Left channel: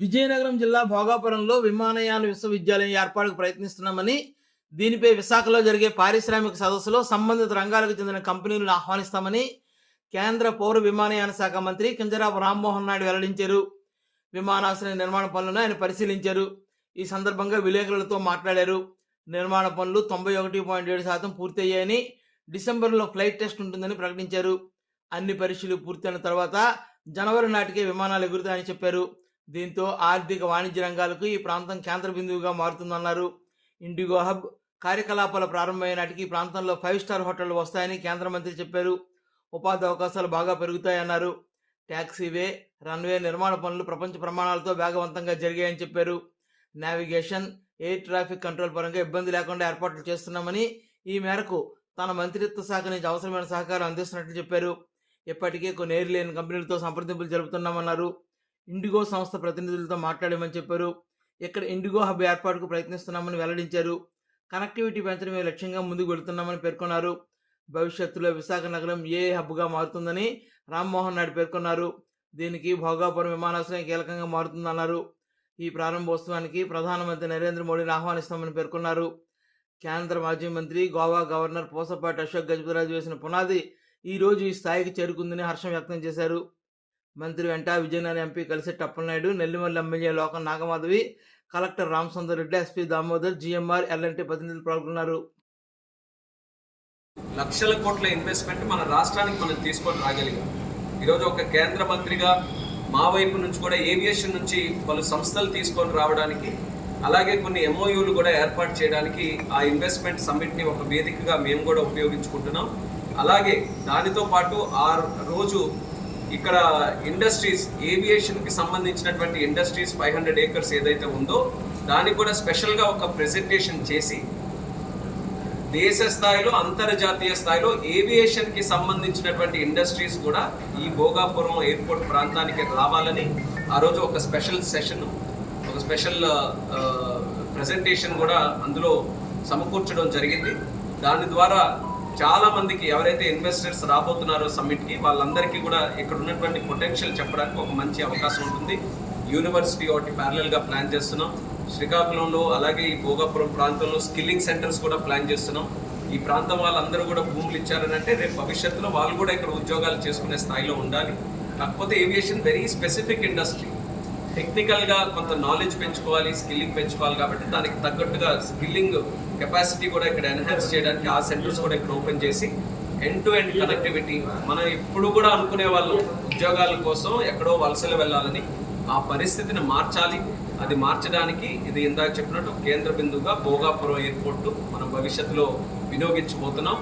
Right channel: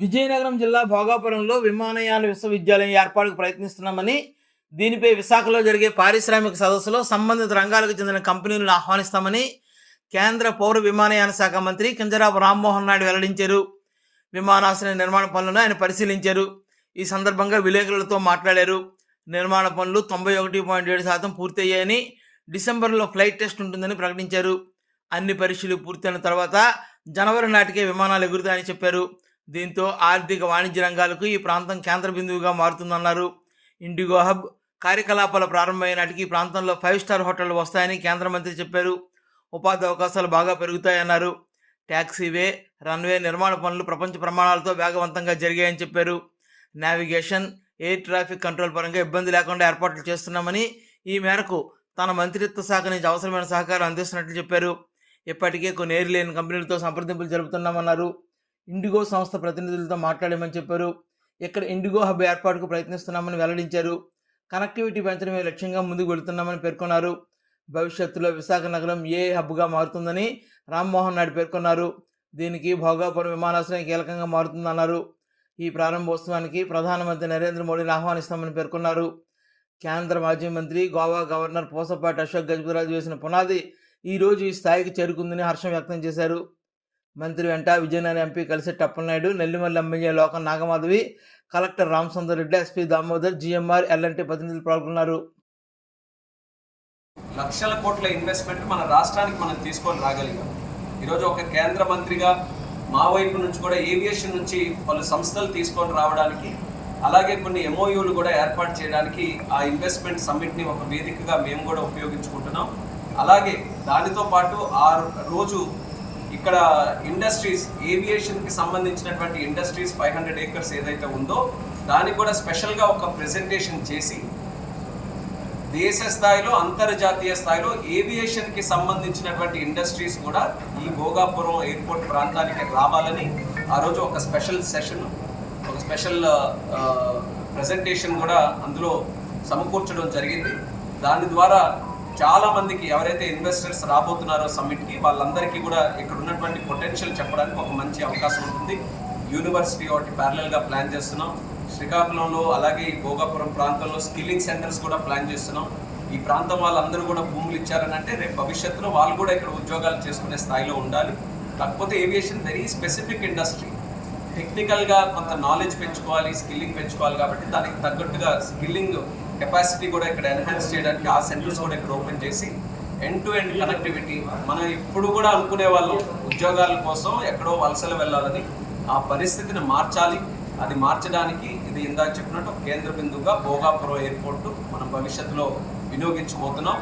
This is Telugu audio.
విజయనగరం జిల్లా భోగాపురంలో విమానయాన విశ్వవిద్యాలయం ఏర్పాటుకు ప్రయత్నిస్తున్నామని దీనిపై విశాఖలో జరిగే పారిశ్రామిక సదస్సులో సంబంధిత రంగాలకు చెందిన కంపెనీలను ఆహ్వానిస్తామని కేంద్ర పౌర విమానయాన శాఖ మంత్రి కింజరాపు రామ్మోహన్ నాయుడు వెల్లడించారు. విమానాశ్రయ నిర్మాణ పనులను ఆయన పరిశీలించారు. ఈ సందర్భంగా విలేకరులతో మాట్లాడారు. నిర్మాణ పనులు తొంభై ఒకటి పాయింట్ ఏడు శాతం పూర్తయ్యాయని డిసెంబర్లో ఫ్లైట్ టెస్ట్ ఉంటుందని ప్రకటించారు. అన్ని పరీక్షలు పూర్తయిన తర్వాత జనవరి నాటికే విమానాలు ఎగురుతాయని చెప్పారు. దీంతో ఆర్థిక వాణిజ్య రంగాలకు ఈ ప్రాంతం కేంద్ర బిందువుగా మారుతుందన్నారు. ఇండిగో హబ్ కార్యకలాపాలు ప్రారంభమైన నాటికి ఈ ప్రాంతంలో ఫైవ్ స్టార్ హోటళ్ళు వస్తాయని కేంద్ర మంత్రి చెప్పారు. ఉపాధి అవకాశాలు బాగా పెరుగుతాయన్నారు. ట్యాక్సీవే రన్వే నిర్మాణ పనులు ప్రపంచ ప్రమాణాలతో వేగవంతంగా జరిగాయని చెప్పారు. నావిగేషన్ ఎయిర్ ట్రాఫిక్ కంట్రోల్ పరంగా ఇబ్బంది లేకుండా ఏర్పాట్లు చేస్తున్నామని ఈ మేరకు తన మంత్రిత్వ శాఖ నుంచి అవసరమైన సహకారం అందిస్తున్నట్లు చెప్పారు. ఇప్పటికే కొన్ని ఎయిర్లైన్ కంపెనీలతో సంప్రదింపులు జరుపుతున్నామన్నారు. ఇండిగో సంస్థ ప్రతినిధులతో మాట్లాడమని చెప్పారు. ఇక్కడ ఇండిగో హబ్ ఏర్పాటుకు ప్రయత్నిస్తున్నామని వెల్లడించారు. కనెక్టివిటీ పెంచడమే లక్ష్యంగా ముందుకు వెళుతున్నామని పేర్కొన్నారు. భవిష్యత్తులో విశాఖ నగరం ఏ హబ్గా మారుతుందని రామ్మోహన్ నాయుడు పేర్కొన్నారు. దీనికి భోగాపురం విమానాశ్రయం కీలకంగా మారుతుందన్నారు. ఈ ప్రారంభోత్సవానికి ప్రధానమంత్రి నరేంద్ర మోడీని ఆహ్వానిస్తామని పేర్కొన్నారు. కేంద్ర మాజీ మంత్రి గోవా గవర్నర్ పూసపాటి అశోక్ గజపతిరాజు వేసిన పునాది ఈ రోజు ఈ స్థాయికి చేరుకుందని హర్షం వ్యక్తం చేశారు. మంత్రి వెంట విజయనగరం ఎంపీ కలిసి Tappalanaidu Nellimarla MLA Lokam Nagamadhavi collector Ramasundar Reddy SP Damodar GMR LNT ప్రతినిధులు పాల్గొన్నారు. లక్షల కోట్ల ఇన్వెస్ట్మెంట్ మన రాష్ట్రానికి మనం తీసుకొని రాగలిగాం. ఈరోజు ఒక కేంద్ర మంత్రిగా మా వైపు నుంచి కూడా ఏవియేషన్ నుంచి పలు సంస్థలు తీసుకొని రావడానికి అలాగే కొన్ని ఎంఓయూలు కూడా ఏర్పాటు చేయడానికి ఆ ఇన్వెస్ట్మెంట్ సమ్మిట్ని ఒక వేదికగా మేము కూడా ఉపయోగించుకుంటున్నాం. అలాగే దానితో పాటు ఆ రోజు ఇక్కడ ఇండస్ట్రీస్ ఏవియేషన్కి సంబంధించినటువంటి ఇండస్ట్రీస్ ఫైవ్ హండ్రెడ్ ఏకర్స్ ఏదైతే ఉందో దానికి కూడా స్పెషల్గా ఒక ప్రెజెంటేషన్ చేసి దేశ స్థాయిలో అంతర్జాతీయ స్థాయిలో ఏవియేషన్కి సంబంధించినటువంటి ఇండస్ట్రీస్ కూడా ఈ భోగాపురం ఎయిర్పోర్ట్ ప్రాంతానికి రావాలని ఆ రోజు ఒక స్పెషల్ సెషన్ ఒక స్పెషల్ ప్రజెంటేషన్ కూడా అందులో సమకూర్చడం జరిగింది. దాని ద్వారా చాలా మందికి ఎవరైతే ఇన్వెస్టర్స్ రాబోతున్నారో సమ్మిట్కి వాళ్ళందరికీ కూడా ఇక్కడ ఉన్నటువంటి పొటెన్షియల్ చెప్పడానికి ఒక మంచి అవకాశం ఉంటుంది. యూనివర్సిటీ ఒకటి ప్యారలల్గా ప్లాన్ చేస్తున్నాం. శ్రీకాకుళంలో అలాగే ఈ భోగాపురం ప్రాంతంలో స్కిల్లింగ్ సెంటర్స్ కూడా ప్లాన్ చేస్తున్నాం. ఈ ప్రాంతం వాళ్ళందరూ కూడా భూములు ఇచ్చారని అంటే రేపు భవిష్యత్తులో వాళ్ళు కూడా ఇక్కడ ఉద్యోగాలు చేసుకునే స్థాయిలో ఉండాలి. కాకపోతే ఏవియేషన్ వెరీ స్పెసిఫిక్ ఇండస్ట్రీ టెక్నికల్గా కొంత నాలెడ్జ్ పెంచుకోవాలి స్కిల్లింగ్ పెంచుకోవాలి కాబట్టి దానికి తగ్గట్టుగా స్కిల్లింగ్ కెపాసిటీ కూడా ఇక్కడ ఎన్హాన్స్ చేయడానికి ఆ సెంటర్స్ కూడా ఇక్కడ ఓపెన్ చేసి ఎండ్ టు ఎండ్ కనెక్టివిటీ మనం ఇప్పుడు కూడా అనుకునే వాళ్ళు ఉద్యోగాల కోసం ఎక్కడో వలసలు వెళ్ళాలని ఆ పరిస్థితిని మార్చాలి. అది మార్చడానికి ఇది ఇందాక చెప్పినట్టు కేంద్ర బిందువుగా భోగాపురం ఎయిర్పోర్టు మనం భవిష్యత్తులో వినియోగించబోతున్నాం.